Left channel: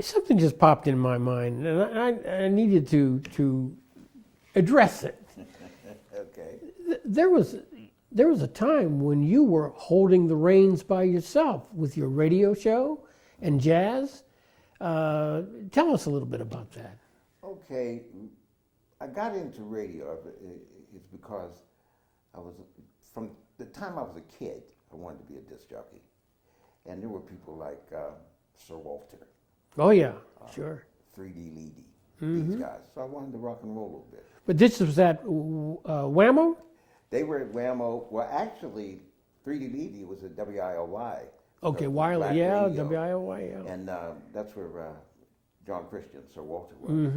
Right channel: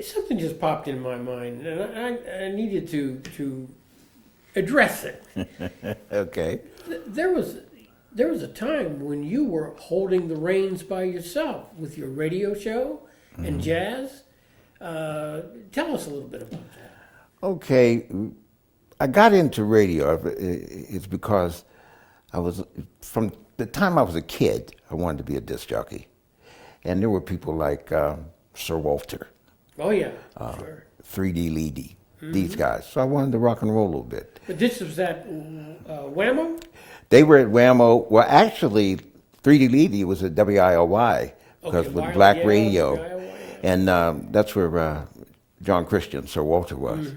something just popped in my mind, and I needed to address it. Okay. There was a time when you were holding the reins by yourself with your radio show and jazz. Tell us a little bit about that. Okay, I got into radio. It's because from the time I was a kid, I wanted to be a disc jockey. And there were people like Sir Walter. Oh, yeah, sure. 3D Leedy, these guys. So I wanted to rock and roll a little bit. But this was at Whammo? They were at Whammo. Well, actually, 3D Leedy was at WIOY because with Black Radio. WIOY, yeah. And that's where John Christian, Sir Walter was.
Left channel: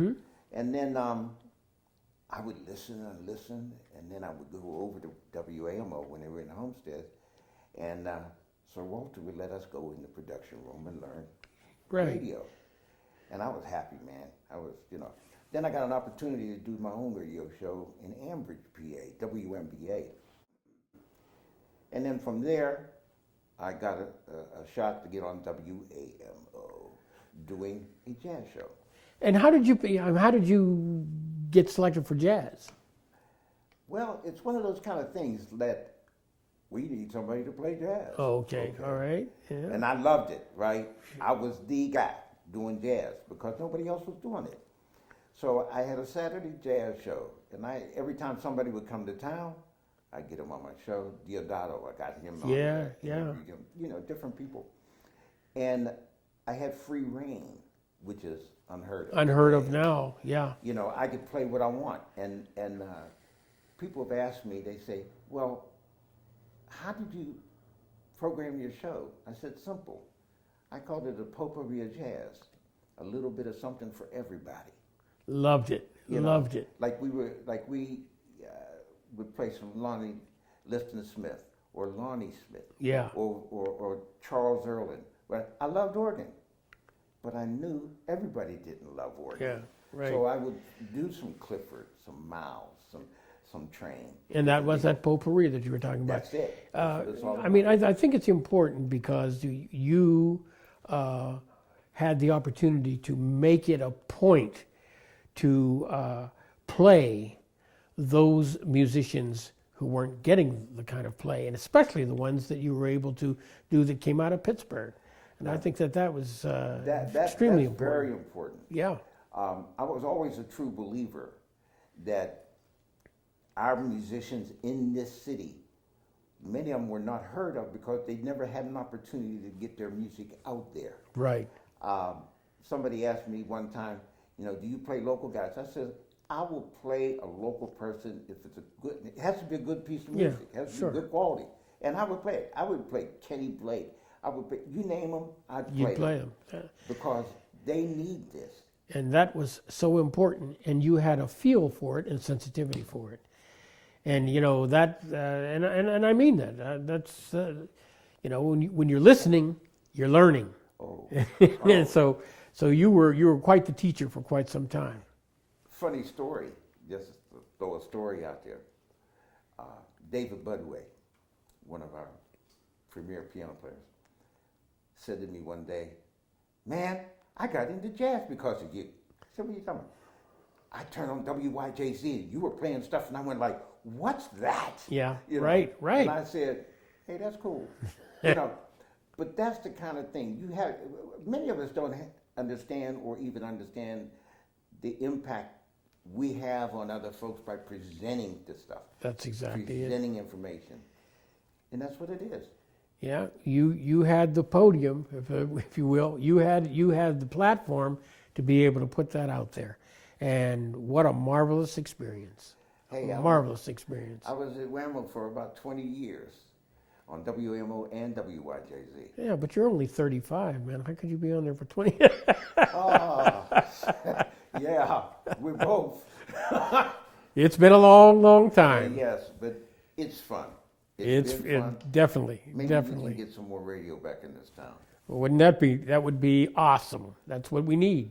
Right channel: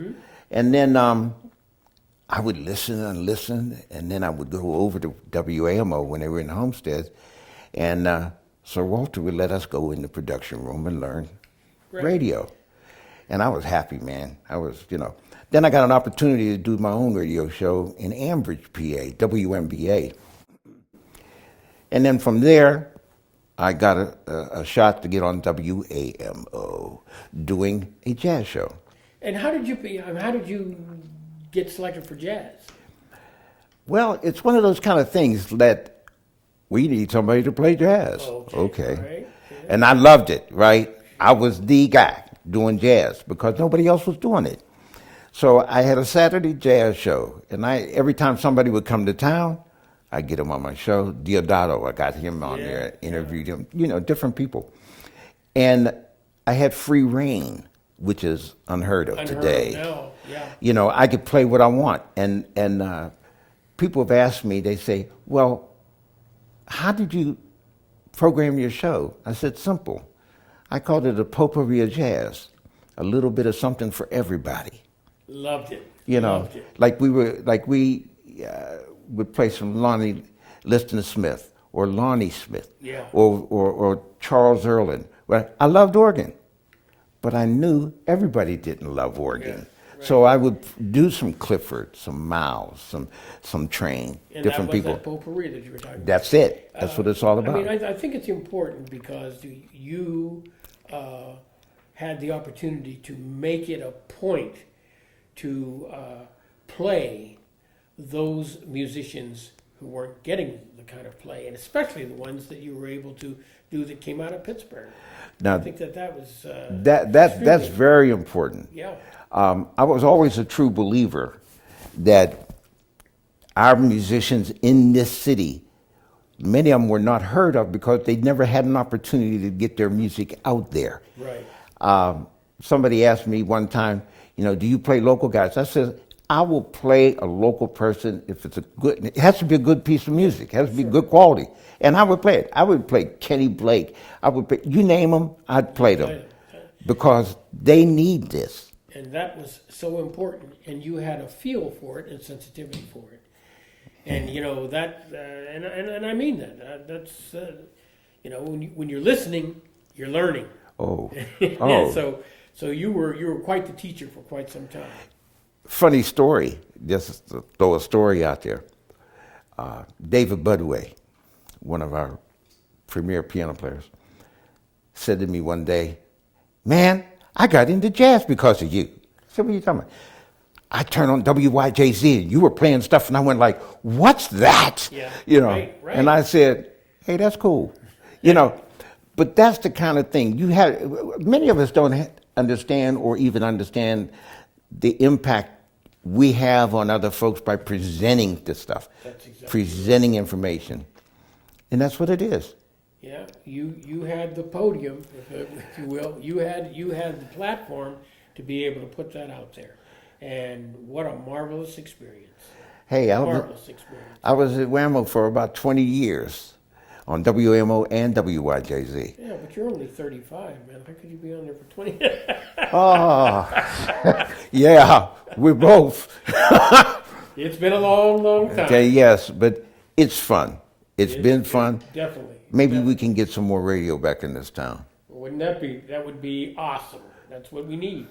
And then I would listen, and then I would go over to WAMO when they were in Homestead, and Sir Walter would let us go in the production room and learn radio. And I was happy, man. I was, Then I got an opportunity to do my own radio show in Ambridge, PA, WMBA. And then from there, I got a shot to get on WAMO, doing a jazz show. And how did you get selected for jazz? Well, it's one of those kind of things that we need somebody to play jazz. Okay. All right. Yeah. And I loved it, right? I was the guy doing jazz because nobody else was doing it. So I had a Saturday jazz show, and every time somebody would come to town, I'd get him on my show. Diodato, I got him on there, interviewed him, different people. And I had free reign, which is unheard of today. Unheard of now, yeah. I could play what I want. And people have asked me, they say, well, how did you program your show? I said, simple. I called it a potpourri of jazz, a little bit of something for everybody. Loved it. Loved it. Like we would play some Lonnie Liston Smith or Lonnie Smith, or Charles Earlin. Well, I loved organ, but I knew everybody didn't love organ. Yeah, right. So I would do some Clifford, some Miles, some Train, and different people. And that was that potpourri that you were talking about. That's it. That's what it's all about. I mean, I think it's important because you had the opportunity to make it a point to play those musicians who weren't getting the kind of play, and especially the ones that you were able to do that came out of Pittsburgh. Now, I think that was that's very important. Yeah. I was always a true believer that our musicians in this city, many of them were not heard of because they never had an opportunity to get their music out there. Right. Somebody asked me one time, do you play local guys? I said, I will play a local person if it's it has to be a good piece of music. It has to be good quality. And I would play it. I would play Kenny Blake. I would play, you name them, I'd play them. Because they need this. And that was so important. And you had a feel for it and sensitivity for it. And, and I mean that. That's, when you're listening, you're learning. Oh. So you were quite the teacher for quite some time. Funny story, just to throw a story out there. David Budway, one of our premier piano players, said to me one day, man, I got into jazz because of you. I said, what are you talking about? I turned on WYJZ and you were playing stuff and I went like, what's that? Yeah, right. And I said, hey, that's cool. But that's the kind of thing many of us don't understand or even understand the impact we have on other folks by presenting this stuff. That's exactly presenting information. And that's what it is. Yeah, you had the podium, if you will. You had the platform to be able to put that out there. And what a marvelous experience. Hey, marvelous experience. I was at Whammo for about 20 years on WMO and WYJZ. Yeah, but you're only 35, man. How could you be on there for 20? Yeah, we're both. It's been a long, long time. Okay, yes, but it's fun. It's been fun. Definitely. Maybe we can get some more radio back in this town. Well, that would be awesome. That's what we need.